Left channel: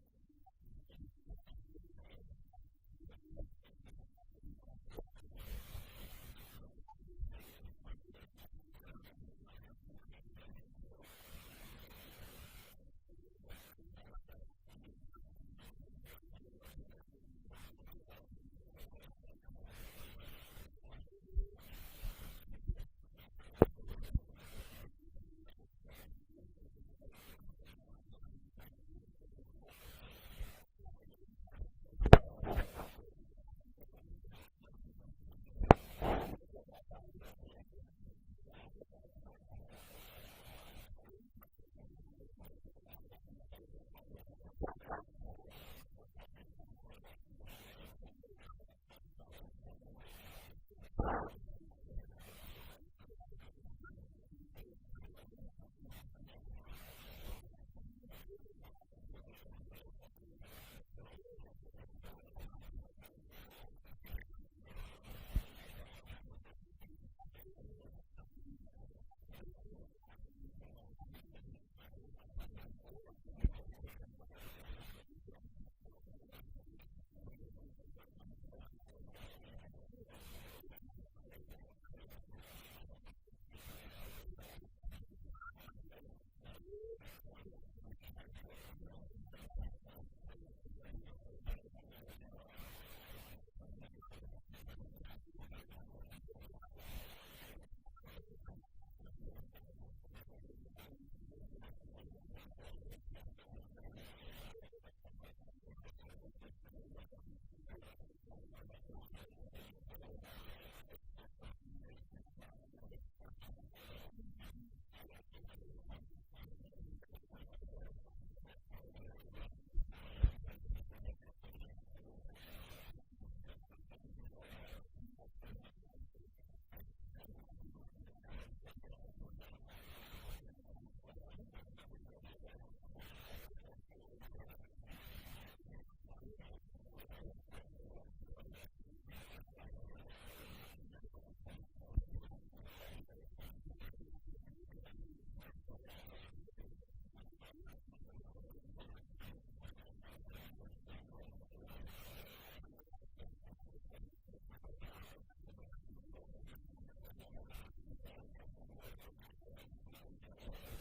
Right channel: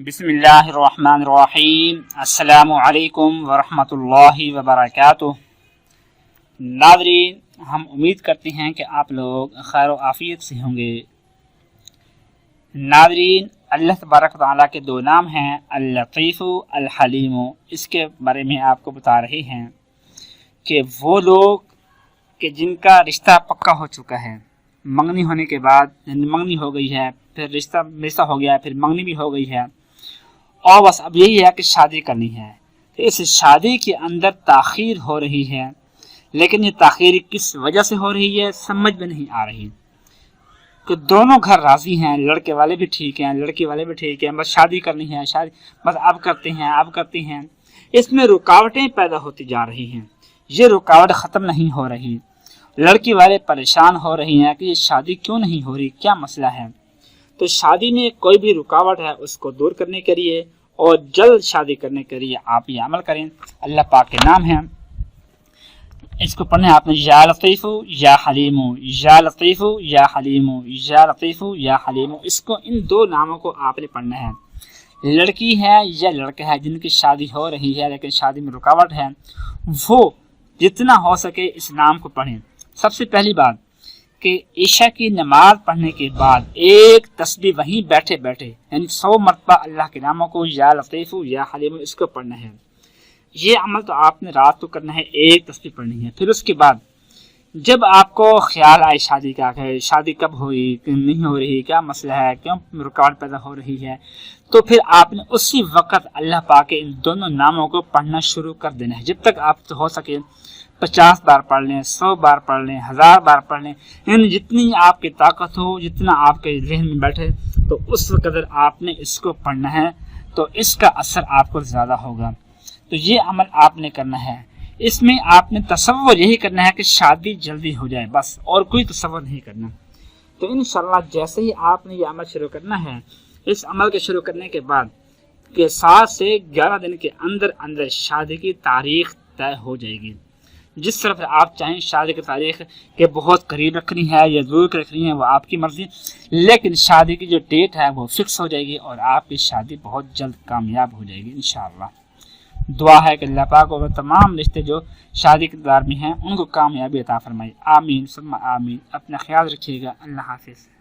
बिस्मिल्लाहिर्रहमानिर्रहीम। अस्सलामु अलैकुम वरहमतुल्लाहि वबरकातुह। नाज़रीन, हम उम्मीद करते हैं कि आप लोग खैर आफियत से होंगे। नाज़रीन, अल्लाह तबारक व तआला के दो नाम हैं, अल-लतीफ़ु अल-हलीमु। इसके बारे में आपको बता रहे हैं कि वो लोग कि जिनका रिश्ता पक्का हो चुका है, मंगनी होने के बाद मंगनी हो गई है, फिर रिश्ता हो गया, फिर मंगनी भी हो गई है और बस अब यही है कि शादी करनी है। तो इस शादी के अंदर ताख़ीर हो रही है, लेकिन ये ताख़ीर किस वजह से हो रही है समझ में नहीं आ रही। कि दोनों घर राज़ी हैं, लड़के वाले भी ठीक हैं, लड़की वाले भी ठीक हैं, बस शादी करनी है, शादी बस अब करते हैं। इसमें रुकावटें पैदा होती जा रही हैं, ये रुकावट ख़त्म नहीं हो रही। लड़की वाले परेशान हो रही हैं कि ये शादी क्यों नहीं हो रही, क्या मसला है। तो शादी में कोई भी रुकावट है उसको दूर करने के लिए और जल्द शादी करने के लिए आप ये अमल करें। अल्लाह पाक के नाम है, इसको पढ़ना है आपने, या लतीफ़ु या हलीमु, या लतीफ़ु या हलीमु, या लतीफ़ु या हलीमु। इसको इन दो नामों को आपने पढ़ना है। लड़की है या लड़का है जिनकी शादी हो रही है लेकिन शादी में रुकावट है, वो जितना हो सके इस नाम को पढ़ें। सबसे पहली बात कि ईशा की नमाज पढ़ने के बाद एक तस्बीह वहीं बैठे बैठे यानी 100 मरतबा अल्लाह के नामों को या लतीफ़ु या हलीमु इसको पढ़ना है। ये अमल तो आपने रात को करना है, एक तस्बीह पढ़नी है। फिर उसके बाद जब आपको ख्याल आए शादी का है, शादी कब हुई, नहीं हो रही, क्या मसला है, क्यों रुकावट पैदा हो रही है, तो फिर आपने उसी वक्त अल्लाह पाक के इन दोनों नामों को पढ़ना शुरू कर देना है। जब तक आप हो सके 50 बार पढ़ लें, 100 बार पढ़ लें, 1000 बार पढ़ लें, यानी जितनी आपकी ताकत हो, जितना आपके जहन में बैठे, तो उस कदर आपने इसको पढ़ना है, तो इसका असर आपको ज़्यादा होगा। तो ये अमल आपने करना है। इसमें आपने तसव्वुर यही करना है कि शादी जल्दी हो जाए, बस, और कोई तसव्वुर नहीं करना। तो इंशाअल्लाह जैसे ही आपने ये अमल शुरू करना है, इस अमल के शुरू करने के बाद के 7 से 11 दिन के अंदर अंदर शादी की तारीख तय हो जाएगी। जिस तरफ आप चाहें शादी की तारीख के बहुत करीब रखनी है या दूर रखनी है वो आपकी मर्जी, लेकिन शादी की जो डेट है वो फिक्स हो जाएगी और आपकी शादी बहुत जल्द कामयाब हो जाएगी इंशाअल्लाह। दुआ है कि अल्लाह पाक और तमाम रिश्ते जो शादी के दौर में हैं उनको कामयाबी अता फरमाए। आमीन सुम्मा आमीन। अपना ख्याल रखिएगा। अल्लाह हाफिज़।